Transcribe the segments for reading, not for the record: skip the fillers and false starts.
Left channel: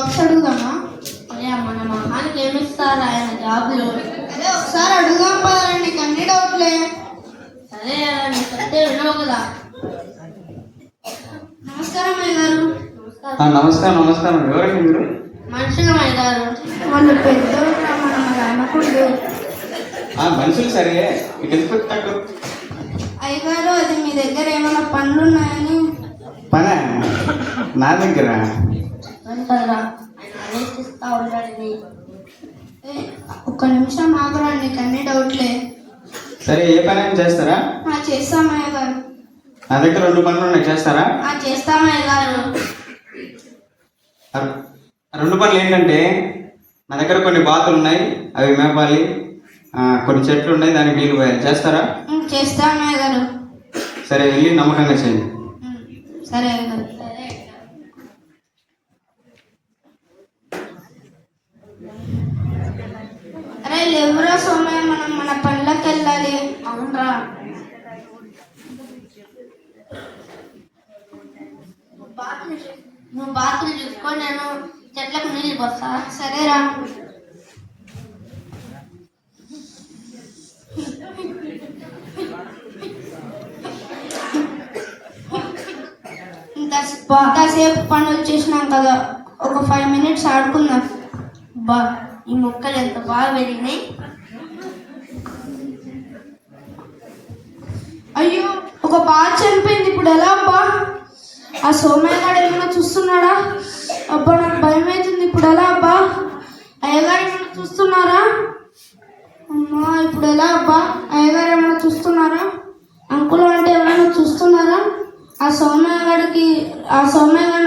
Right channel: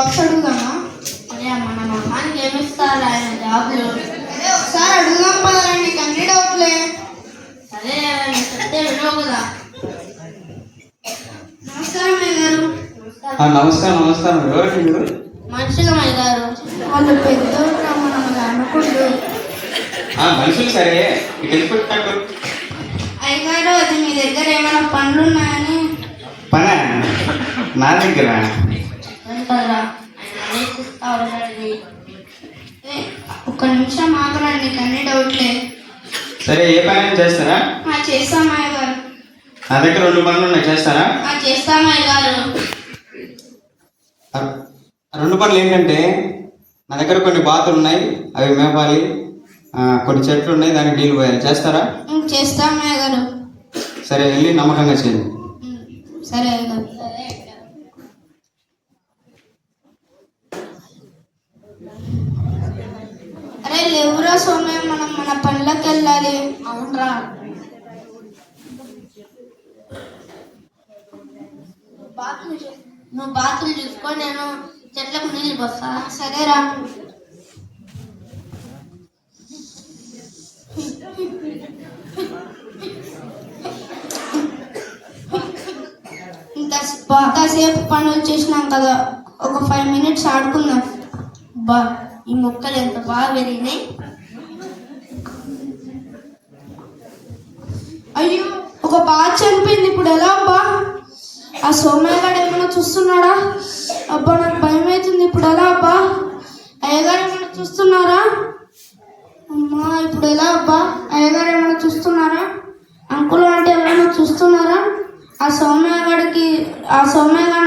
Jobs అడుగుదామా? మన మొహానికి ఏమిస్తారు ఆయన జాబ్లు? అదే ఒకసారి అడుగుదాం పదా, నీకు అన్ని డౌట్లే. సరే చెప్తే వినవు కదా. నమస్కారం అయ్య గారు. నమస్కారం నమస్కారం. ఎవరండి మీరు? మనుషులు అయ్య గారు. వాళ్ళు పెద్దోళ్ళు మన అనుకుంటూ. మనుషులు సరే, ఇటు వెళ్ళిపోతాడు. అయ్యగారు, అది మీ దగ్గర ఏమైనా పనులు ఉన్నాయని. పనా? నా దగ్గర కదరా ఆలోచిస్తా ఉంటాడు. ఒక్క నిమిషం ఆగరా, నీకు అన్ని డౌట్లే. సరే, ఏ పని చేస్తారా? చేస్తాం అయ్య గారు. నా దగ్గర 2 పనులు ఉన్నాయి, చేస్తారా? చేస్తాం అయ్య గారు. 2 పనులు ఏంటంటే, నా దగ్గర కొన్ని బాతులు ఉన్నాయి, అవి మేపాలి. కొన్ని చెట్లు ఉన్నాయి, దానికి నీళ్ళు పోయాలి. చేస్తారా? చేస్తాం అయ్య గారు. సరే, వెళ్ళి నమ్మకంగా చేయండి. సరే అయ్య గారు. అరే లేవురా సోమయ్య, మనం మన పనులకు వెళ్ళాలి. అవునరా, నువ్వు బాతులు చూసుకో, నేను చెట్లకు నీళ్ళు పోస్తా. సరేరా. ఇంతసేపు పనులు చేసినాం కదా, ఒక 5 minutes ఆడుకుందాం. బా, ఈ మొక్కలు ఎంత బాగా పెరిగినాయి. అయ్యో, ఒక బాగా చనిపోయింది. ఇప్పుడు ఎలా అబ్బా? ఆ సోమయ్య గారు ఏమైనా చూస్తున్నాడా? అబ్బా, నాకు భయం అవుతుంది. ఇప్పుడు ఎలా అబ్బా? అయ్యగారు ఏమైనా చూస్తున్నారా? అమ్మా, ఇప్పుడు ఎలా అబ్బా? అయ్యగారు ఏమైనా చూస్తున్నారా? అంకుల్ అంటే ఎవరైనా చూస్తున్నారా? ఆ సోమయ్య గారికి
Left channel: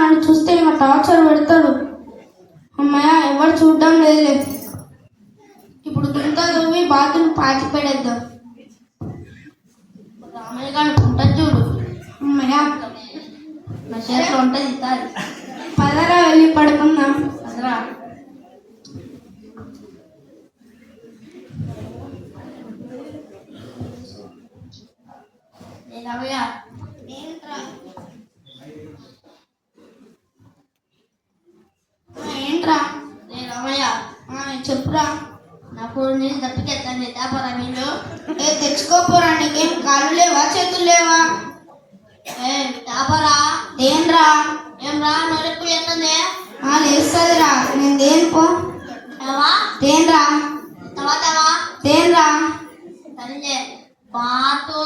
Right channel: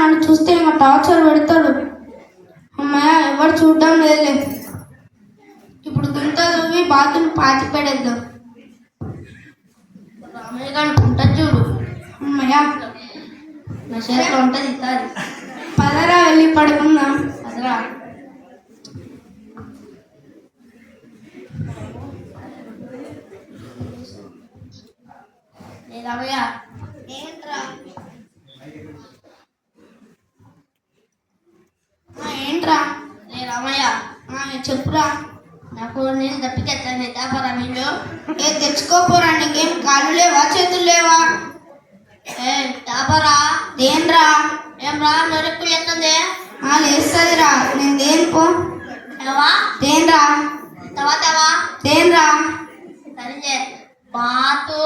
నన్ను చూస్తే ఇంకా టార్చర్ పెడతాడు. అమ్మయ్య, ఎవరు చూడడం లేదులే. ఇప్పుడు గింత దువ్వి బాతులు పాతి పెడేద్దాం. రామయ్య గారు ఉంటుంది చూడు. అమ్మయ్య, నా చేతిలో ఉంటుంది ఈసారి. పదరా వెళ్ళి పడుకుందాం. అసలు రామయ్య, ఏంట్రా? ఏంట్రా? రామయ్య, చెప్పురా. నాకు నీళ్ళు తప్పికెత్తాను, తేపరా నీళ్ళు. తెచ్చుకోపోరా. నీకేం కాళ్ళు లేవా, చేతులు లేవా? తాపరా. దేన్రా? ఏం రా, నొరుకు ఎట్టుంది? లేస్తుందిరా. నేను దేనికో. ఏవా దేన్రా? తవా తవా దేన్రా? సరే, బాతు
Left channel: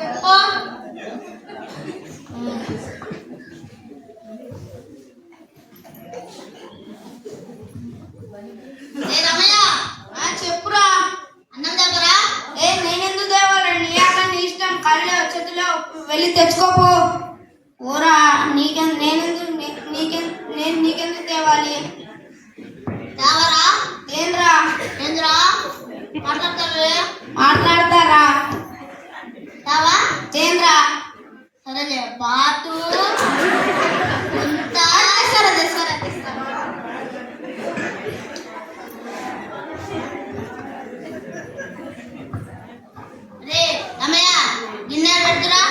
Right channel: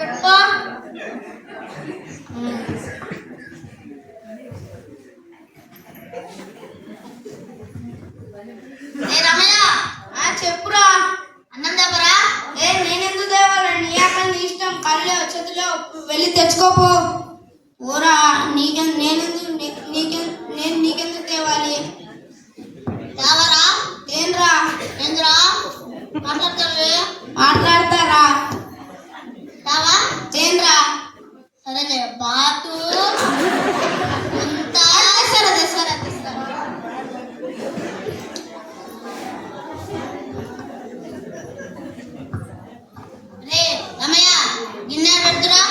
పెట్టుకో. రమయ్య, చెప్పురా. అన్నం దగ్గరా. నేనెందుకు తేవాలండి? నీ అక్కడ నీ ఇష్టం. కళ్ళు చేతుల్లో వెళ్ళి తెచ్చుకోపో. ఊరా, నీకెందుకు తేవాలి? తేవరా. ఏంద్రా? ఏంద్రా మాట్లాడతావే? మాట్లాడతారా? తేవా. ఏంద్రా? సరేలే, బాతు రే రమయ్య, గిన్నె పెడుతురా.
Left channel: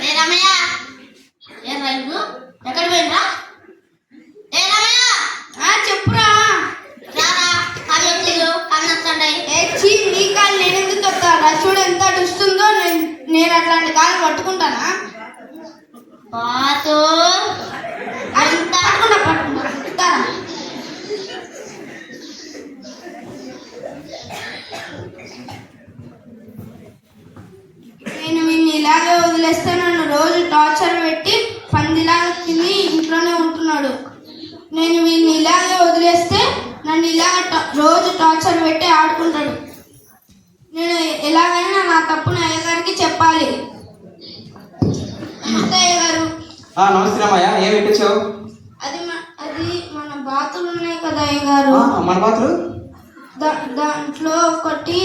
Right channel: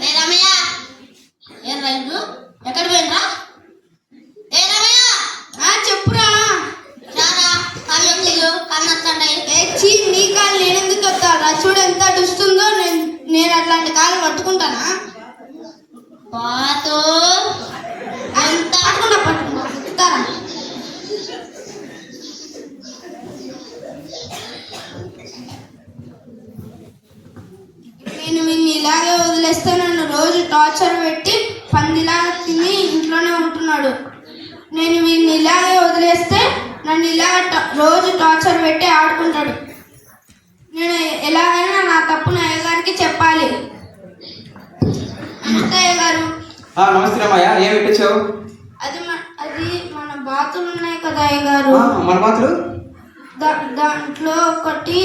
రే రమయ్య, ఏం రైలు ఎక్కడ పోయిండ్రా? ఏ రమయ్య, చెప్పురా. రారా, కాళ్ళు కన్నొస్తాయి. నీ కాళ్ళు నేనెందుకు చెప్తారా? చూడు ఎంత అడుస్తుందో. నేను అట్లాంటి కాళ్ళు పట్టుకుంటానా? బాతు అంత పట్టుకుంటారా? నేను వీళ్ళని ఇలాగే వదిలేస్తే నన్ను రోజు టార్చర్ పెట్టి పందిలాగా తిని ఇంట్లోనే ఉంటున్నాడు. నేను వీళ్ళని ఇలాగే వదిలేస్తే నన్ను రోజు టార్చర్ పెట్టి ఆడుకుంటాడు. నేను ఎలాగైనా నా తప్పుని అయ్యగారికి చెప్పాలి. నమస్తే అయ్యగారు. నమస్తే రామయ్య, ఏమి ఇప్పించావు? అది మన బాతులు ఉన్నాయి కదా అయ్యగారు. మన బాతులు? దాంట్లో ఒకటి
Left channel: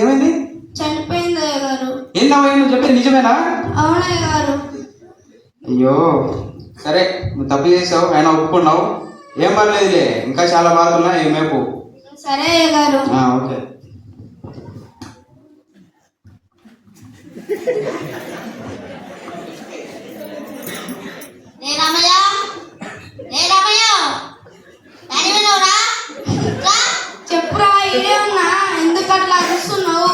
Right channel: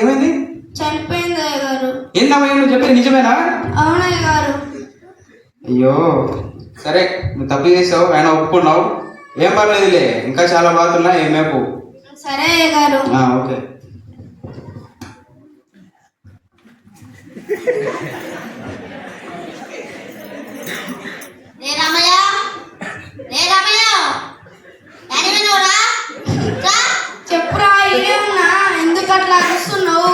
ఏమైంది? చనిపోయింది అయ్యగారు. ఏంటమ్మా నువ్వు చెప్పేది నిజమేనా? అవునయ్య గారు. అయ్యో, సరే, నువ్వు తప్పు చేసావు, ఆయన ఒప్పుకున్నావు. ఏం పర్లేదులే, ఇంకా చాలా బాధ ఉన్నాయి, ఏం మేపు. సరే అయ్యగారు. ఓకే. రే రామయ్య, రే రామయ్య, డాడీ వినవురా? చెప్పురా, ఏమన్నా ఎందుకు అట్లా అరుస్తున్నావు?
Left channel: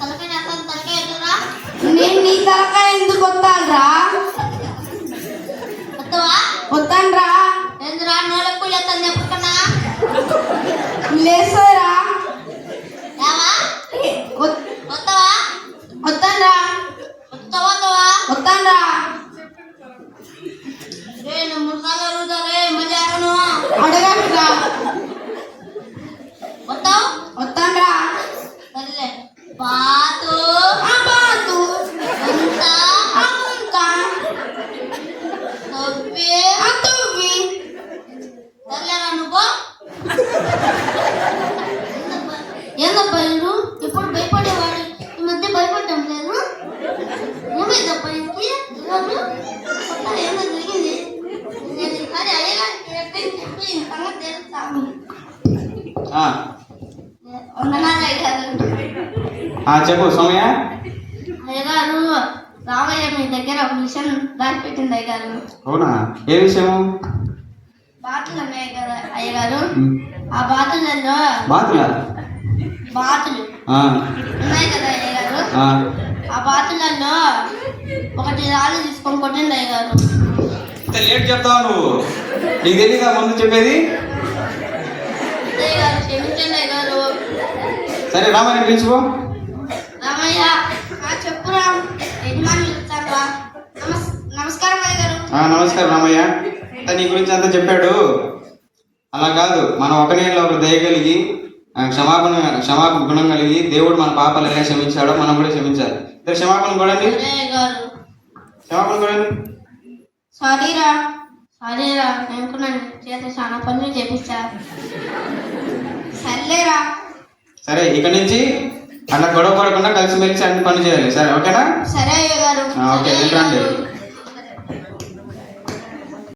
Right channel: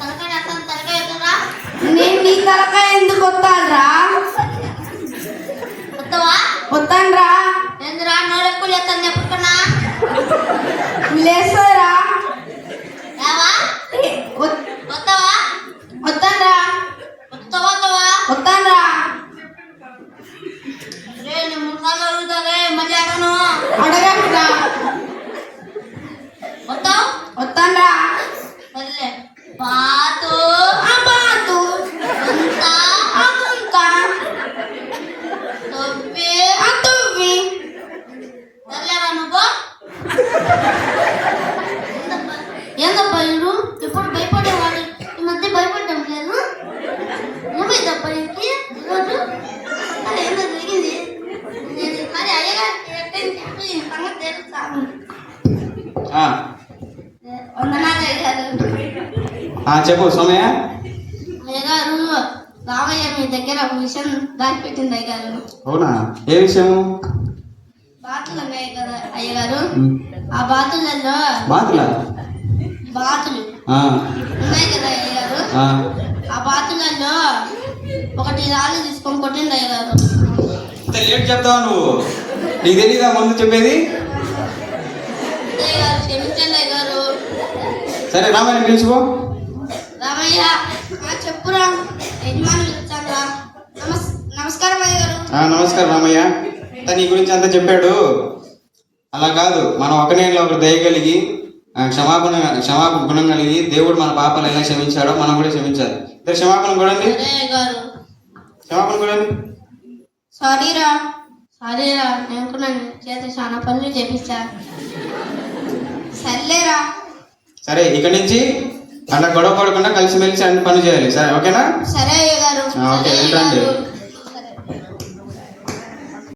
తలకాయ అసలు తలకాయ ఎదురా? నేను నీ దాకా ఎందుకు వస్తానురా? వస్తావా? వస్తానురా. ఎందురా నోడెప్పుడు చేస్తాను చెప్పుకున్నా? లేస్తారా? రావా? వస్తావా? వస్తానురా. వస్తావా? వస్తానురా. రే నేను ముఖాలు అడుగుతావే మళ్ళీ అడగను. అడగనురా. వస్తావు? వస్తానురా. సర్లే. బాతు బాతు అంతా అంతా తొప్పి తువ్వి. సర్లేరా నువ్వు? ఏందబ్బా ఇల్లు ఎప్పుడు భయపడేవాడు, ఈ మధ్య భయపడటం లేదు. ఏమైందబ్బా ఇంటికి ఈరోజు? అసలు ఏందో జరిగింది. నేను ఈసారి అయ్యగారికి చెప్పి ఈ సంగతి తెలుస్తాను. వందనాలు అయ్యగారు. చెప్పు సోమయ్య. అయ్యగారు, రామయ్య మీ దగ్గర ఒక విషయం దాచిపెట్టింది అయ్యగారు. అవునా? ఏ విషయం? బాతులు ఉన్నాయి కదా అయ్యగారు, ఆ బాతులలో బాతులా? బాతులు ఉన్నాయి కదా అయ్యగారు, ఆ బాతులలో ఒకటి రాళ్ళు తీసుకొని కొట్టింది అయ్యగారు. ఇంత లేట్ చెప్తావా నువ్వు? నీకు తెలీదా ముందు చెప్పేది? అయ్యగారు క్షమించండి అయ్యగారు. సరే రామాయణ పిలుచుకో. రామయ్య, చెప్పురా. యజమాని వచ్చారా? నమస్కారం అయ్యగారు. నమస్కారం రామయ్య. నీ గురించి అంతా చెప్పాడు. అలా కాదు, మనం ఒకనే ఒకరు దయగలిగి క్షమాపణ గుణం కలిగి దేవుడు మన పాపాలు ఎలా క్షమించాడో మనం కూడా క్షమించాలి. క్షమాపణ కూడండి. సరే అయ్యగారు. క్షమాపణ కూడండి. సారీరా. సరేరా, నేను కూడా చేత చాలా పనులు చేపించా. సర్లేరా. సరే, ఇక నుంచి అలా గొడవ పడకుండా కలిసిమెలిసి అన్ని పనులు చేయాలి. సరే, ఓకేనా? సరే అయ్యగారు. ఓకే, వెళ్ళండి.